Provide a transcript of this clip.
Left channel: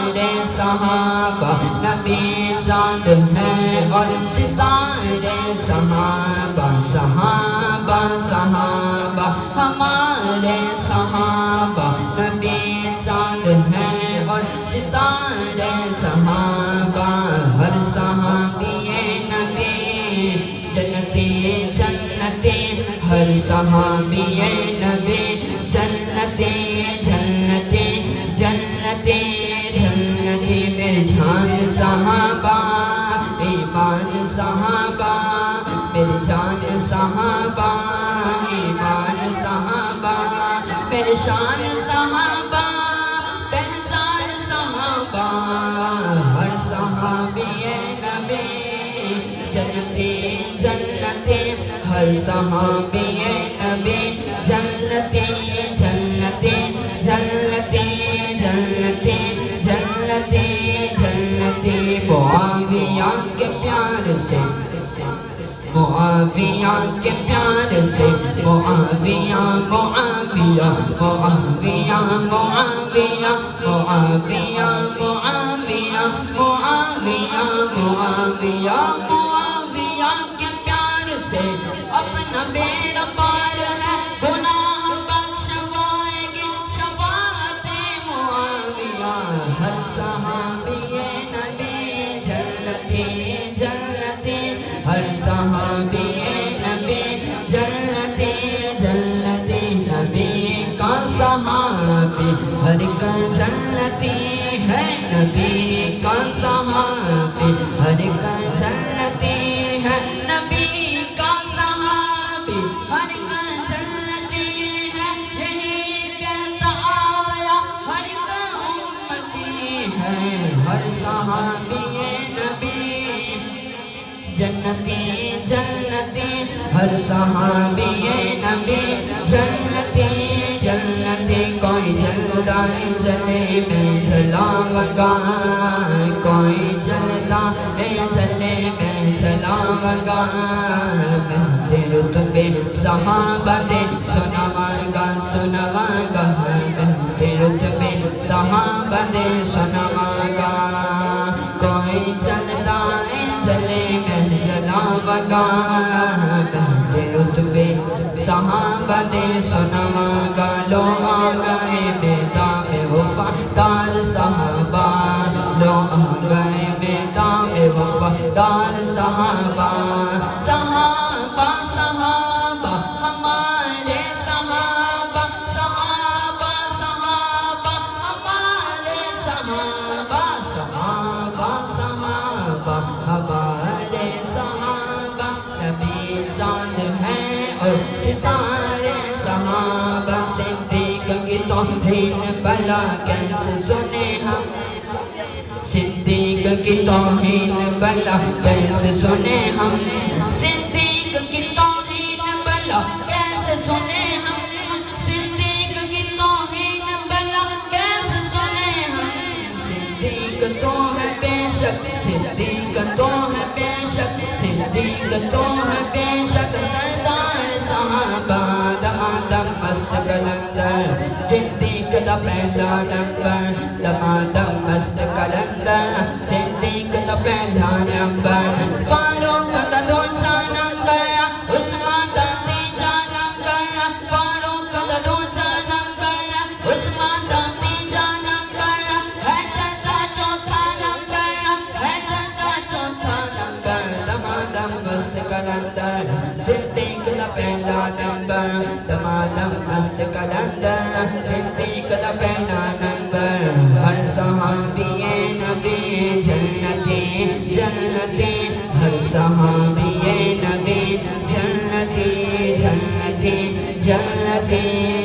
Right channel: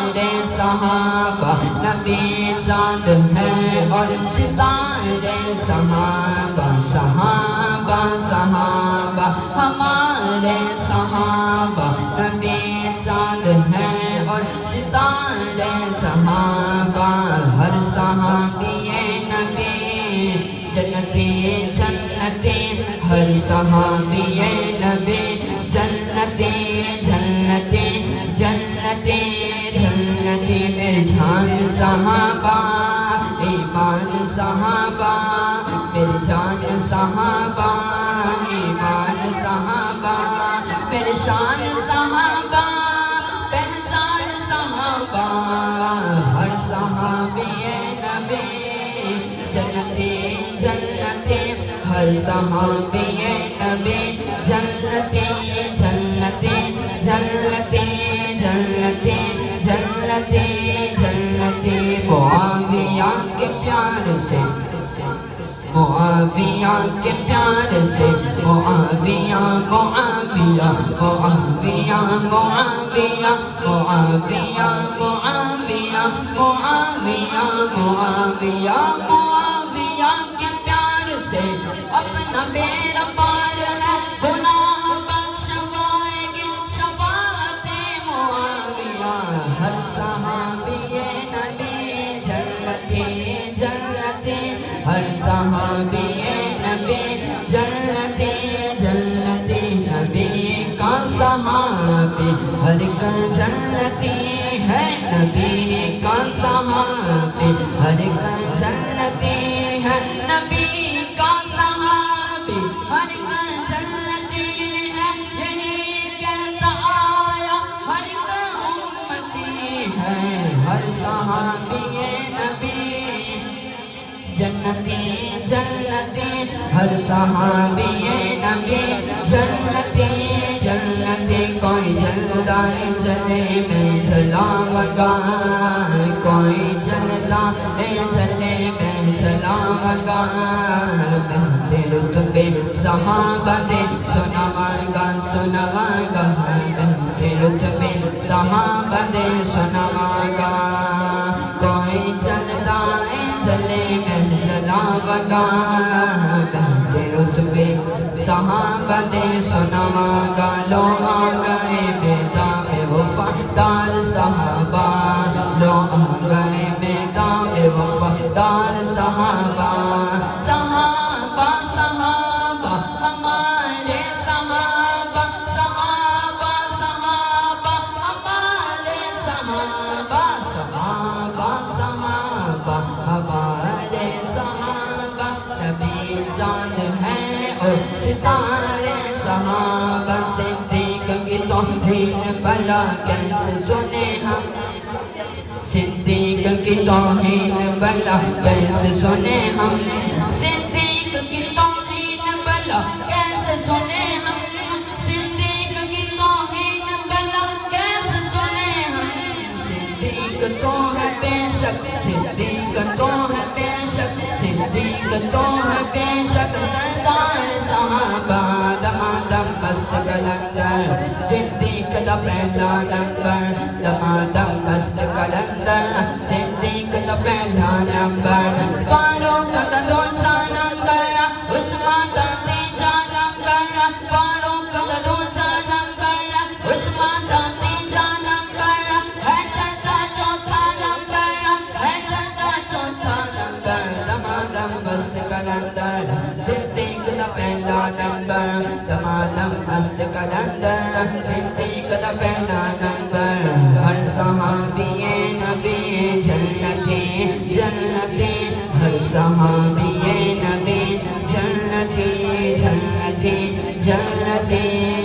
ہمارے صحابہ نبی چاند ہے اور ستارے صحابہ صحابہ صحابہ ہمارے صحابہ نبی چاند ہے اور ستارے صحابہ ہر صحابی نبی جنتی جنتی ہر صحابی نبی جنتی جنتی جنتی جنتی میرے جان صحابہ ایمان صحابہ میرے جان صحابہ ایمان صحابہ میرے شان صحابہ پہچان صحابہ ہر صحابی نبی جنتی جنتی ہر صحابی نبی جنتی جنتی جنتی جنتی جنتی جنتی معاویہ کے پیار سے معاویہ کے پیار سے معاویہ معاویہ معاویہ معاویہ معاویہ معاویہ معاویہ معاویہ معاویہ کے پیار سے اپنا میرا پار ہے گناہ بخشوائیں گے شفاعت معاویہ ہر صحابی نبی جنتی جنتی ہر صحابی نبی جنتی جنتی نبی کا صحابی ہر کل جنتی ہے نبی کا صحابی ہر کل جنتی ہے نبی کا صحابی ہر کل جنتی ہے یہی کہتا آیا ہر کل امتی ہے ہر صحابی نبی جنتی جنتی ہر صحابی نبی جنتی جنتی کوئی جلدہ جلے میں جلا بگا کوئی جلدہ جلے میں جلا بگا دل تمہیں صحابہ دے سنواگا سنواگا دل تمہیں صحابہ دے سنواگا کوئی جلدہ جلے میں جلا بگا دل تمہیں صحابہ دے سنواگا لو آگئے بیدام وفادار صحابہ لو آگئے بیدام وفادار صحابہ صحابہ صحابہ ہمارے صحابہ صحابہ صحابہ ہمارے صحابہ صحابہ صحابہ ہمارے صحابہ نبی جان ہے اور ستارے صحابہ صدیق کی توہین بلا کیسے سنے ہم صدیق کی توہین بلا کیسے سنے ہم صدیق کی توہین بلا کیسے سنے ہم صدیق کی توہین بلا کیسے سنے ہم صدیق تو ہے بے شک صدیق تو ہے بے شک صدیق تو ہے بے شک سردار صحابہ دمادم مست کلندر صدیق دا پہلا نمبر دمادم مست کلندر صدیق دا پہلا نمبر فاروق دا دوسرا نمبر عثمان دا تیسرا نمبر فاروق دا دوسرا نمبر عثمان دا تیسرا نمبر حیدر دا چوتھا نمبر حیدر دا چوتھا نمبر دمادم مست کلندر صدیق دا پہلا نمبر دمادم مست کلندر صدیق دا پہلا نمبر ہر صحابی نبی جنتی جنتی ہر صحابی نبی جنتی جنتی جنتی